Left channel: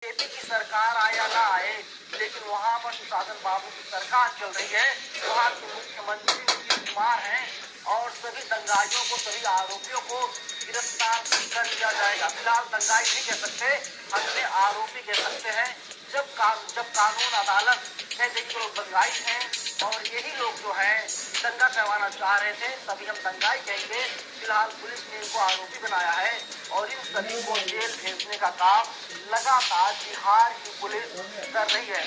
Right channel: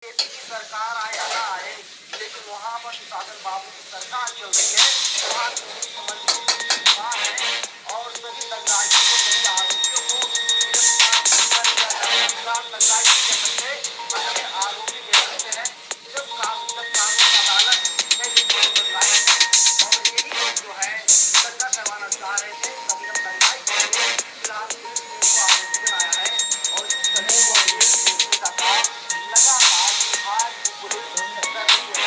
BJP की सरकार आए या ना आए, लेकिन वहाँ पर साधन बाबू की सरकार चल रही है। वहाँ मुख्यमंत्री नीतीश कुमार है और सभी दंगाइयों को, सभी आरोपियों को गिरफ्तार कर लिया जाएगा। फिलहाल दंगाई नहीं कह सकते, अपने आरोपी कह सकते हैं। जब कानून अदालत कह गई कि दंगाई है और यही लोग जो है दंगा करवाना चाह रहे थे, तभी हम दंगाई कहेंगे। फिलहाल पुलिस ने इनको आरोपी बनाया है और इन सभी को जेल भेजने का काम लगातार बिहार की पुलिस कर रही है।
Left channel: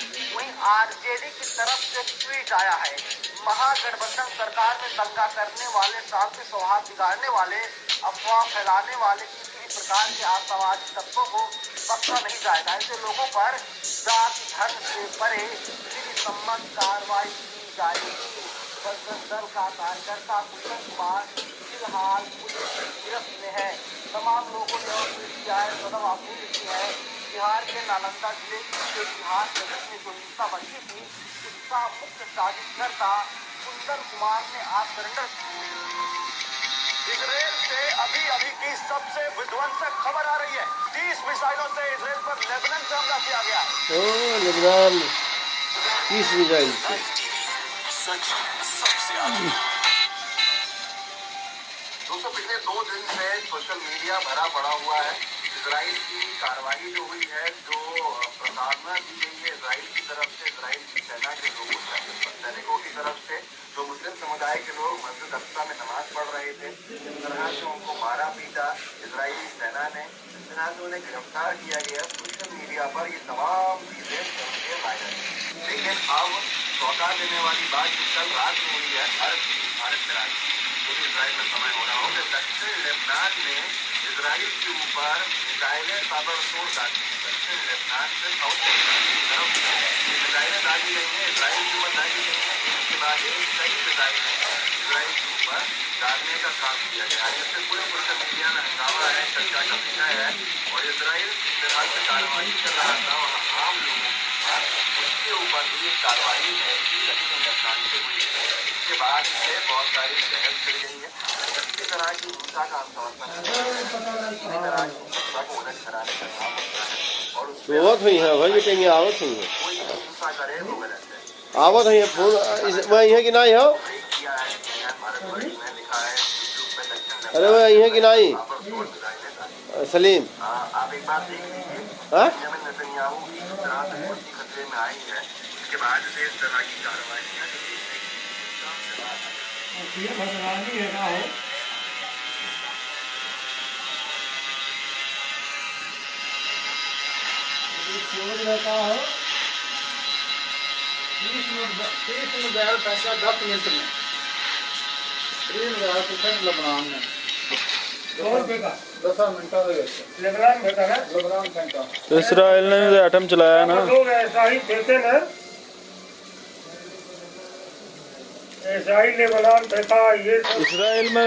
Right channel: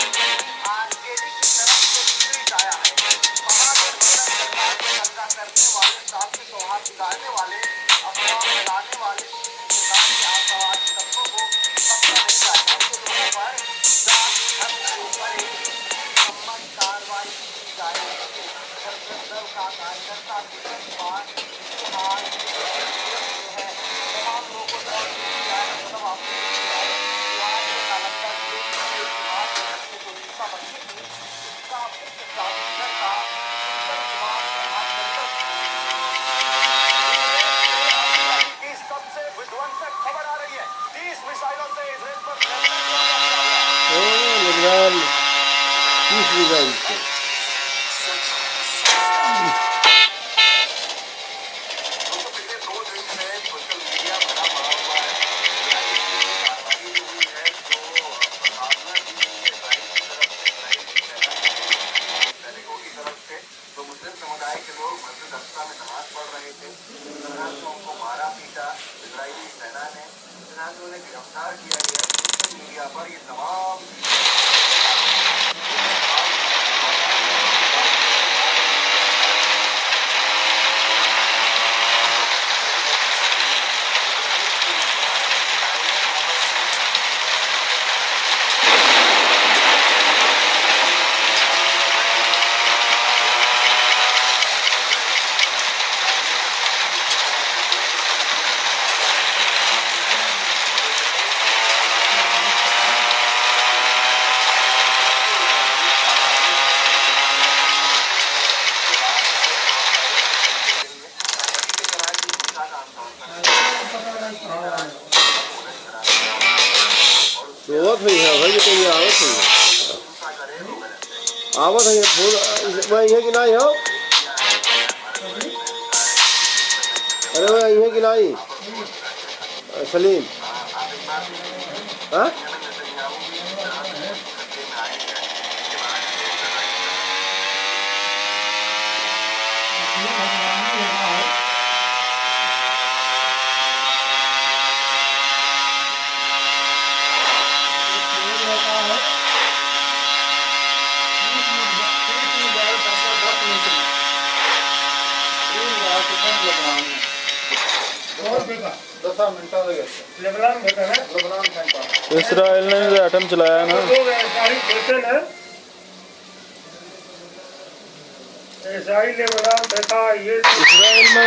आरजेडी की तरफ से ट्वीट आया है, महागठबंधन सरकार में दंगा करने वाले, शांति सौहार्द बिगाड़ने वाले, अफवाह फैलाने वाले किसी प्रकार के आतंकवादी तत्वों को बख्शा नहीं जाएगा। ऐसे लोगों पर जांच हद से परे सम्मत कार्रवाई की जाएगी। दल का कार्यकर्ता फिलहाल है, तमाम लोगों को नालंदा जिले के बिहार पुलिस ने जो हिस्सा बची थी, इसका मुख्य साजिशकर्ता सुंदर कुमार ने आज अभी की सबसे विध्वंसक खबर आ रही है। 30 मिसाइलों से इसराइल पर लेबनान को हमला किया गया। लेबनान 30 मिसाइल से पिछले 2 दिन से सोशल मीडिया भरा पड़ा हुआ है। इजराइल की कार्रवाई जो हुई है, जो प्रताड़ना दी गई है इजराइल की तरफ से, इजराइल की सेना के सैनिकों की तरफ से, जो मुस्लिम समुदाय के लोग मस्जिद अक्सा में नमाज पढ़ रहे थे, तरह से उनको मारा पीटा इजरायली सेना ने, जिस तरह से उन्हें गिरफ्तार किया गया। सोशल मीडिया पर ये तमाम चीजें आवत हुई है भाई, ये आवत हुई है, आवत हुई है फोन वही है कि नहीं हो? अरे वही है कि नहीं सलीम? हाँ रहता है 30 मिनट 10 मिनट में लेबनान में 10 मिनट लेबनान में है। लेबनान में इसराइल ने एटम चलाया ना, लोग ऐसा ही कहते हैं। इसराइल लेबनान फेंका, ये इसराइल में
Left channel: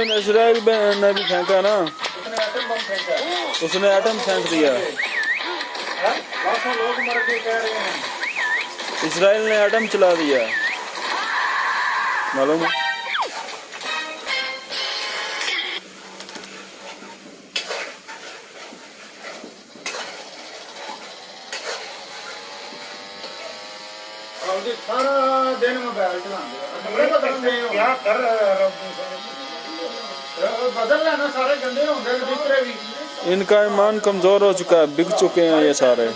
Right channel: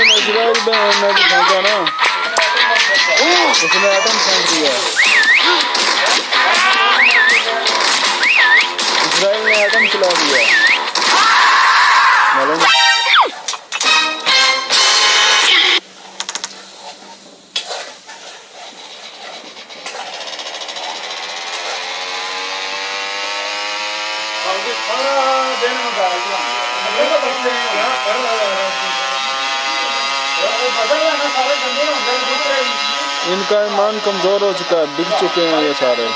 भी फेंका ना, उसने एटम फेंक दिया। इसराइल ने एटम चला दिया, मालूम है? दिन में सारे गंदे होंगे दूसरे। इनका ईमान कमजोर हो चुका है, बिक चुके हैं ये सारे।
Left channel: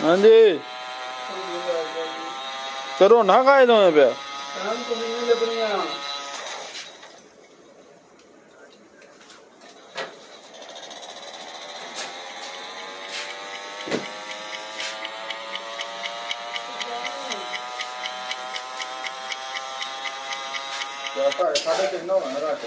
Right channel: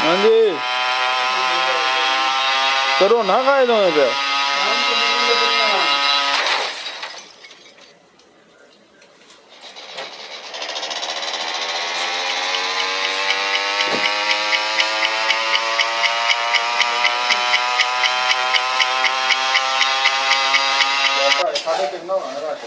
हाँ जी, करो ना कायदों पे। साढ़े कितना होना रात